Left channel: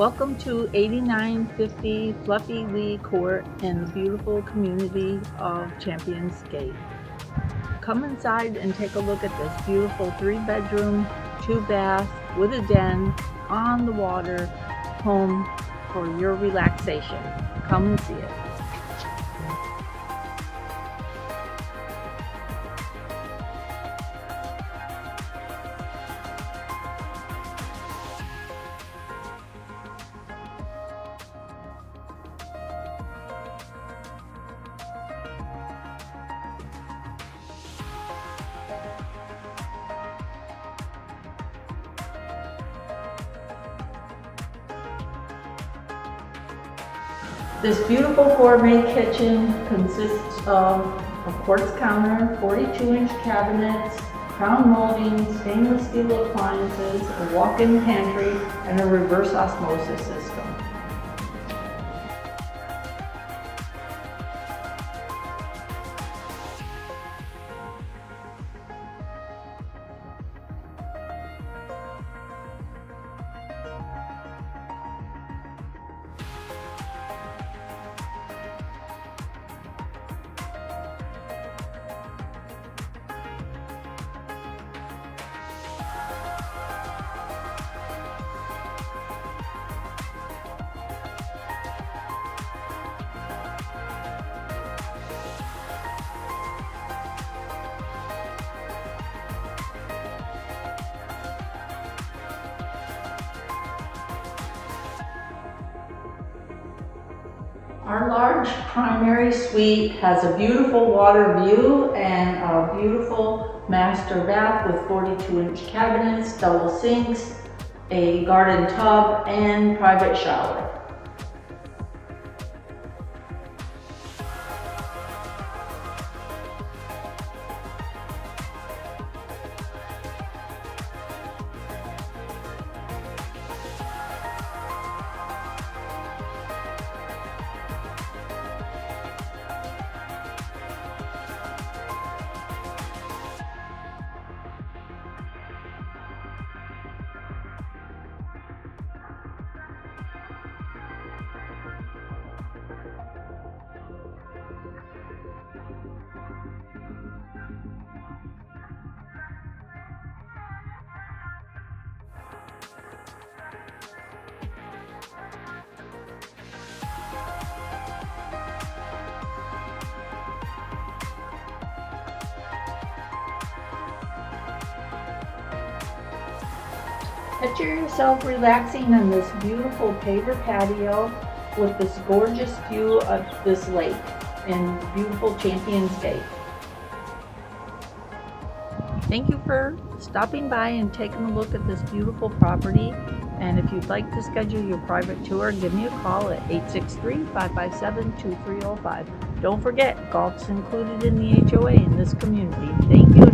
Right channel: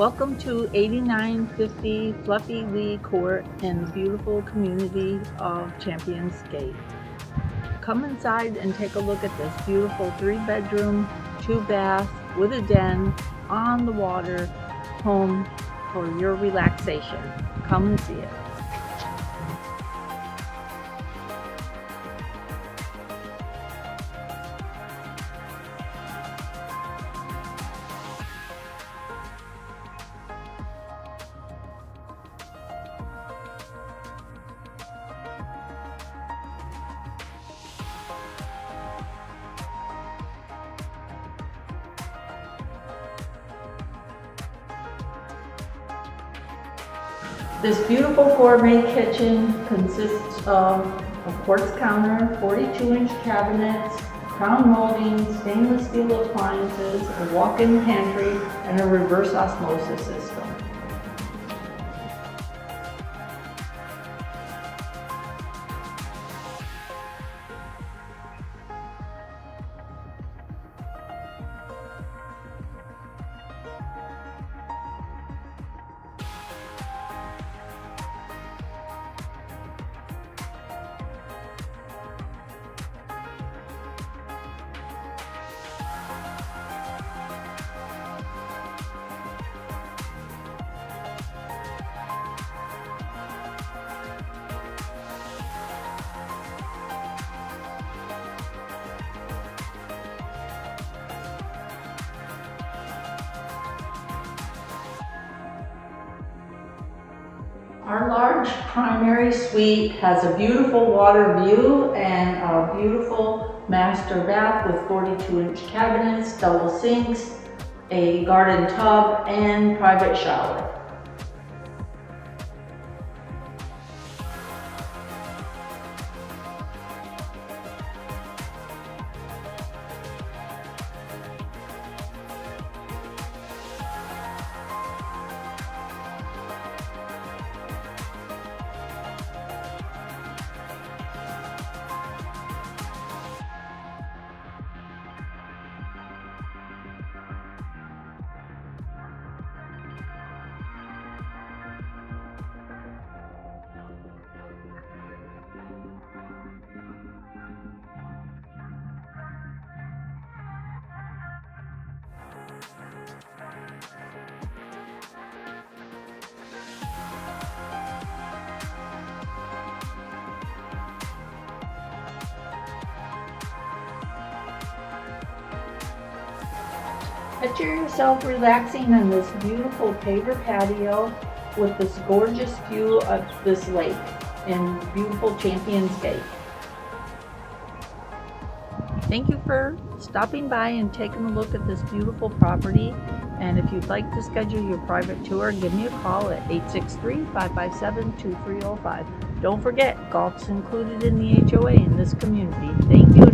Welcome to 8950 Fluffy Lee Court in the beautiful community of CHAMPIONSGATE. Come inside and take a look at this beautiful 3-bedroom, 2-bath with a den on the water home for your relaxation. Come and see it. This beautiful gourmet kitchen consists of a quartz counter, 42-inch cabinets, crown molding, stainless steel appliances, a walk-in pantry, and a reverse osmosis system. Our large primary suite has a beautiful water view and a beautiful master bath with 42-inch cabinets, double sinks, a garden tub, and private shower. Picture yourself relaxing on this beautiful paver patio with this gorgeous view of this lake in beautiful CHAMPIONSGATE. Thank you for stopping by and taking a look at this beautiful property. And if you'd like to schedule your private tour, give me a call at 863-557-2305. Don't forget, golf's included in the HOA in this community. Thank you.